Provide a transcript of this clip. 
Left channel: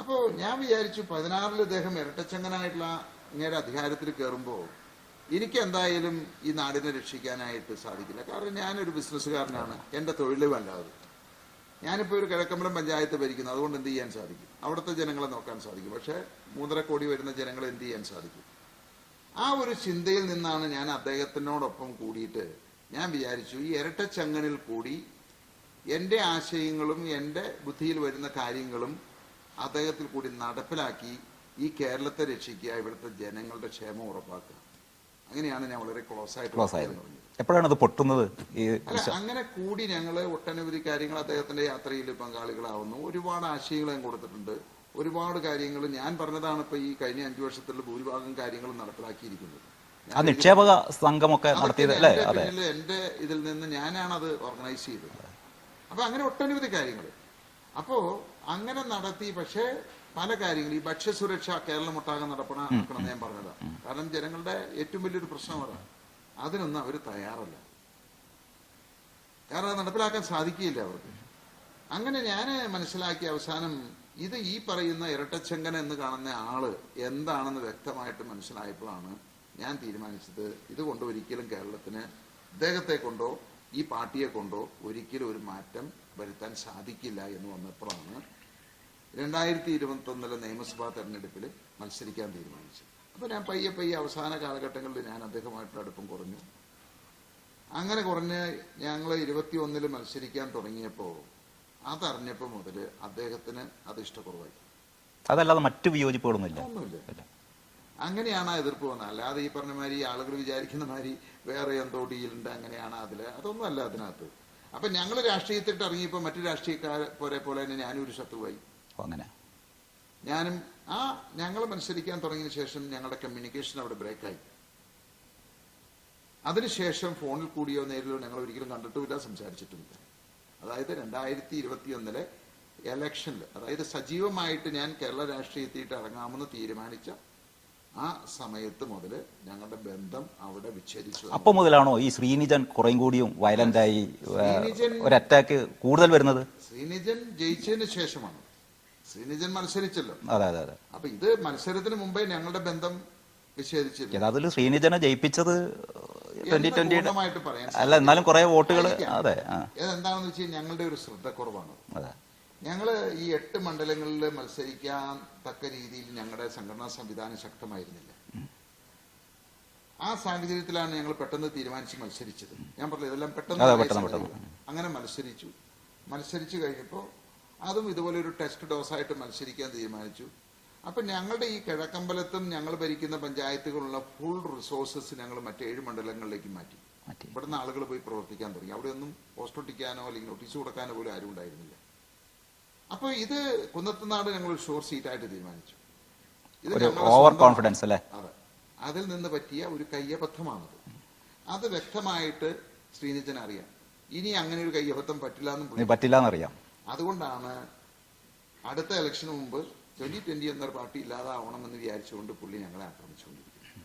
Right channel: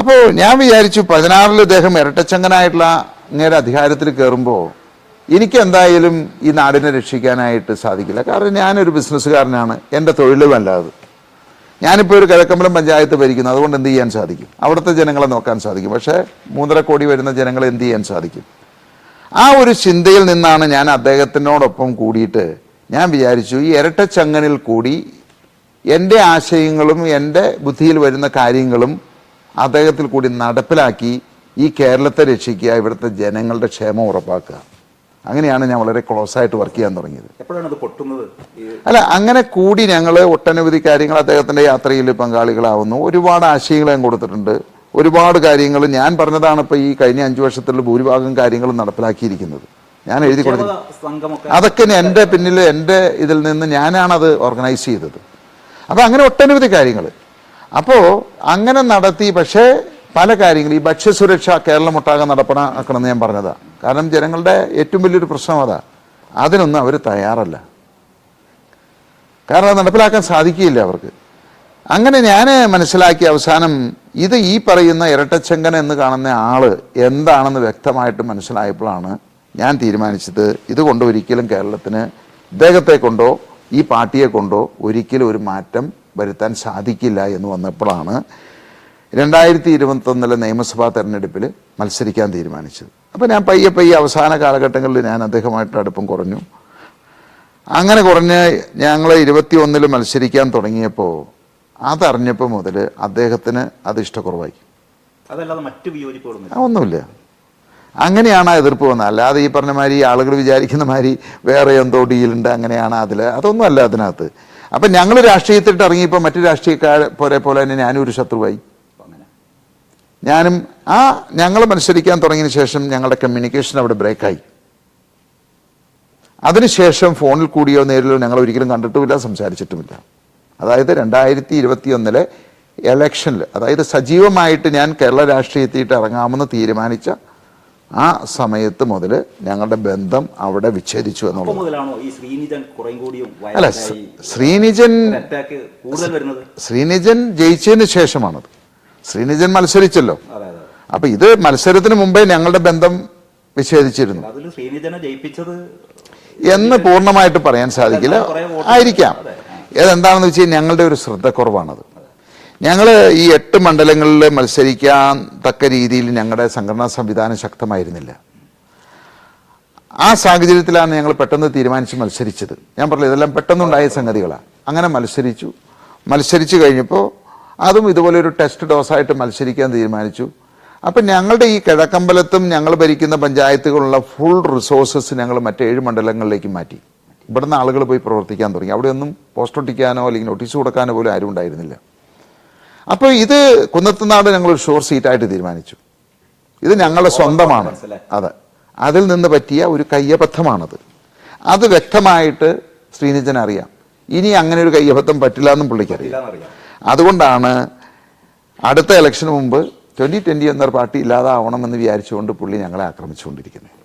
അപ്പോൾ ഞാൻ വിചാരിച്ചു 16-ൽ ഇദ്ദേഹം ഇരട്ടച്ചങ്കനായിട്ടുള്ള അങ്ങയുടെ അധികാരത്തിൽ കയറുമ്പോൾ എനിക്ക് എന്തായാലും ഈ നാടിനെ രക്ഷിക്കാനായിട്ട് സാധിക്കില്ല. കാരണം ഞാനൊരു ബിസിനസ്സുകാരനാണ്, എൻ്റെ തൊഴിലുമല്ലാതെ. ഞാനിപ്പോൾ ഒരു കിഴക്കമ്പലം പഞ്ചായത്ത് ഭരിക്കുന്നു, അതുകൊണ്ട് എന്ത് ചെയ്യാൻ സാധിക്കും? അവിടുത്തെ ജനങ്ങളെ നോക്കാൻ സാധിക്കും. പക്ഷേ 3.5 കോടി വരുന്ന ജനങ്ങളെ എന്ത് ചെയ്യാൻ സാധിക്കും? ആ ഒരു ചിന്തയിൽ നിന്നാണ് ഞാൻ അദ്ദേഹത്തിനോടൊപ്പം കൂടിയിട്ട് ഞാൻ വിചാരിച്ചു ഈ ഇരട്ടച്ചങ്ങനിൽ കൂടി എൻ്റെ ആശയങ്ങളും എൻ്റെ ബുദ്ധിയിൽ വരുന്ന കാര്യങ്ങളും അദ്ദേഹത്തിൽ കൂടി നടപ്പിലാക്കി ഈ കേരളത്തെ രക്ഷിക്കുക, ഇവിടുത്തെ ജനങ്ങളുടെ ക്ഷേമം ഉറപ്പാക്കുക. അങ്ങനെയാണ് ഞാൻ വളരെ ക്ലോസ് ആയിട്ട് വർക്ക് ചെയ്യാൻ തുടങ്ങിയത്. എപ്പോഴാണ് ഇത് പൊട്ടുന്നത്? അല്ല, അങ്ങനെ കൂടി ഞങ്ങൾ ഒട്ടനവധി കാര്യങ്ങൾ അദ്ദേഹത്തിൻ്റെ യാത്രയിൽ പങ്കാളികളാവുന്നു. ഒരുപാട് ആശയങ്ങൾ ഞാൻ കൊടുത്തിട്ടുണ്ട്. ഒരുപാട് കാര്യങ്ങൾ ഞാൻ പറഞ്ഞതാണ് ഇപ്പോൾ ഈ കഴിഞ്ഞ 5 വർഷത്തിൽ ഭൂരിഭാഗം കാര്യങ്ങളും നടപ്പിലാക്കിയിരിക്കുന്നത്. ഞാൻ എഴുതി കൊടുത്തു. അതൊക്കെ എൻ്റെ പിന്നിൽ എൻ്റെ ഇതിൽ നിന്ന് ഞാനാണത് ഓർഗനൈസ് ചെയ്തത്. അപ്പോൾ അങ്ങനെ ഒട്ടനവധി കാര്യങ്ങൾ അപ്പോൾ അങ്ങനെ നടത്തി. പക്ഷേ പല കാര്യങ്ങൾ ഈ ഭക്ഷ്യസുരക്ഷ കേരളമൊട്ടാകെ നടപ്പാക്കണമെന്ന് ഞാൻ പറഞ്ഞതാണ്. കാരണം ജനങ്ങളുടെ ഏറ്റവും വലിയൊരു പ്രശ്നം അതാ. അതിനൊന്നും അവർ തയ്യാറല്ല. കാരണം അത് നടപ്പിലാക്കാൻ സാധിക്കുകയില്ല അവർക്ക്. അങ്ങനെ ഞാൻ മനസ്സിലാക്കി അവസാനം ഇത് ഈ പറയുന്ന ഇരട്ടച്ചങ്കൻ എന്ന് കാണുന്ന ആള് എന്താണെന്ന് വ്യക്തമായിട്ട് മനസ്സിലായപ്പോഴാണ് ഞാൻ തീരുമാനിച്ചത് ഇതുകൊണ്ട് ഒരിക്കലും കേരളത്തിന് ഇദ്ദേഹത്തെ കൊണ്ടോ ഈ പാർട്ടിയെ കൊണ്ടോ ഒരിക്കലും ഒരു മാറ്റം വരുത്താൻ സാധിക്കില്ല എന്ന് വന്നപ്പോഴാണ് 2021 നിയമസഭാ തെരഞ്ഞെടുപ്പിൽ മത്സരിക്കാൻ തീരുമാനിച്ചത്. അപ്പോൾ ഞാൻ പയ്യെ അവസാന കാലഘട്ടങ്ങളിൽ ഞാൻ അദ്ദേഹമായിട്ട് അടുപ്പം കുറഞ്ഞു. അങ്ങനെ കുറഞ്ഞ് ഞങ്ങൾ 21 മത്സരിക്കാൻ തുടങ്ങിയപ്പോൾ അതറിഞ്ഞപ്പോൾ മുതൽ അദ്ദേഹത്തിന് അത് ഇഷ്ടക്കുറവായി. അതല്ലാതെ മറ്റു വിയോജിപ്പുകളൊന്നും ഒന്നുമില്ല. അങ്ങനെയാണ് ആ എതിർപ്പ് വന്നത്. അല്ലാതെ ഈ പറഞ്ഞ മാതിരി ആളുകൾ വിചാരിക്കുന്ന മാതിരി വേറെ എന്തോ ഡീലുണ്ട് അങ്ങനെയാണ് അതൊന്നും അല്ല അതിനകത്ത്. അപ്പം ഞങ്ങൾ രാഷ്ട്രീയത്തിലിട്ട് ഇറങ്ങിയപ്പോൾ മറ്റു രാഷ്ട്രീയക്കാരെ പോലെ തന്നെ ഞാനും ഒരു ശത്രുവായി. ഞാനും ഞങ്ങൾ മത്സരിക്കാൻ തുടങ്ങിയതിന് ശേഷം ഞങ്ങളുടെ കമ്മ്യൂണിക്കേഷൻ അവിടെ ബ്രേക്കായി. അതിനുശേഷം ഫോണിൽ കൂടിയോ നേരിലോ ഞങ്ങൾ ഒരിക്കലും കണ്ടിട്ടുമില്ല, സംസാരിച്ചിട്ടുമില്ല. അതായത് 2021 ഇലക്ഷനിൽ, അതായത് സജീവമായിട്ട് ഞാൻ കേരള രാഷ്ട്രീയത്തിയിട്ട് ഇറങ്ങാമെന്ന് തീരുമാനിച്ച ആ സമയത്ത് മുതൽ ഞങ്ങളുടെ ബന്ധം അവിടെ വിച്ഛേദിച്ചു എന്നുള്ളത്. ശ്രീനിജൻ ജയിച്ചതിന് ശേഷമാണത്. ശ്രീനിജൻ മത്സരിച്ചല്ലോ. അപ്പൊ ഇത് മത്സരത്തിന് മുമ്പേ ഞങ്ങളുടെ ബന്ധം വിച്ഛേദിച്ചിരുന്നു എന്ന് പൂർണ്ണമായിട്ട് പറയാൻ സാധിക്കില്ല. ആയിരിക്കാം. ഏതെന്താണെന്ന് വെച്ച് കഴിഞ്ഞാൽ ഞങ്ങളുടെ ഒരു ശ്രദ്ധക്കുറവാണത്. ഞങ്ങൾ ഈ 8 മണ്ഡലങ്ങളിൽ മത്സരിക്കാൻ തക്ക രീതിയിൽ ഞങ്ങളുടെ സംഘടനാ സംവിധാനം ശക്തമായിരുന്നില്ല. ആ സാഹചര്യത്തിലാണ് ഞങ്ങൾ പെട്ടെന്ന് തീരുമാനിച്ച് മത്സരിച്ചത്. ഞാൻ പറഞ്ഞത് ഇതെല്ലാം പെട്ടെന്നുണ്ടായ സംഗതികളാണ്. അങ്ങനെ മത്സരിച്ചു കഴിഞ്ഞപ്പോൾ അതും ഇതുപോലെ ഒരു ടെസ്റ്റ് ഡോസായിട്ട് മത്സരിക്കാൻ തീരുമാനിച്ചു. അപ്പം ഞങ്ങളുടെ ഈ കിഴക്കമ്പലത്തും ഞങ്ങൾ ഭരിക്കുന്ന പഞ്ചായത്തുകളുള്ള ഫുൾ റിസോഴ്സസ് ഞങ്ങൾ മറ്റ് 7 മണ്ഡലങ്ങളിലേക്ക് മാറ്റി. ഇവിടുന്ന് ആളുകൾ പോയി പ്രവർത്തിക്കാൻ തുടങ്ങി. അവിടെയൊന്നും പോസ്റ്റ് ഒട്ടിക്കാനോ അല്ലെങ്കിൽ നോട്ടീസ് കൊടുക്കാനോ പോലും ആരും ഉണ്ടായിരുന്നില്ല. അപ്പോൾ ഇത് കുന്നത്തുനാട് ഞങ്ങളൊരു ഷോർ സീറ്റായിട്ട് തീരുമാനിച്ചു. ഇത് ഞങ്ങളുടെ സ്വന്തമാണ്. അതെ, അതിൽ നിന്ന് പറ്റിയ ഒരു കയ്യബദ്ധമാണത്. അത് വ്യക്തമായിട്ട് ശ്രീനിജൻ അറിയാം. ഇനി അങ്ങനെ ഒരു കയ്യബദ്ധം പറ്റില്ല എന്നും പുള്ളിക്കറിയാം. അതുകൊണ്ടാണ് അടുത്ത ഇലക്ഷന് മുമ്പ് 2020 എന്നൊരു പാർട്ടി ഇല്ലാതാവണമെന്ന് വിചാരിച്ചുകൊണ്ട് പുള്ളി ഞങ്ങളെ ആക്രമിച്ചുകൊണ്ടിരിക്കുന്നത്.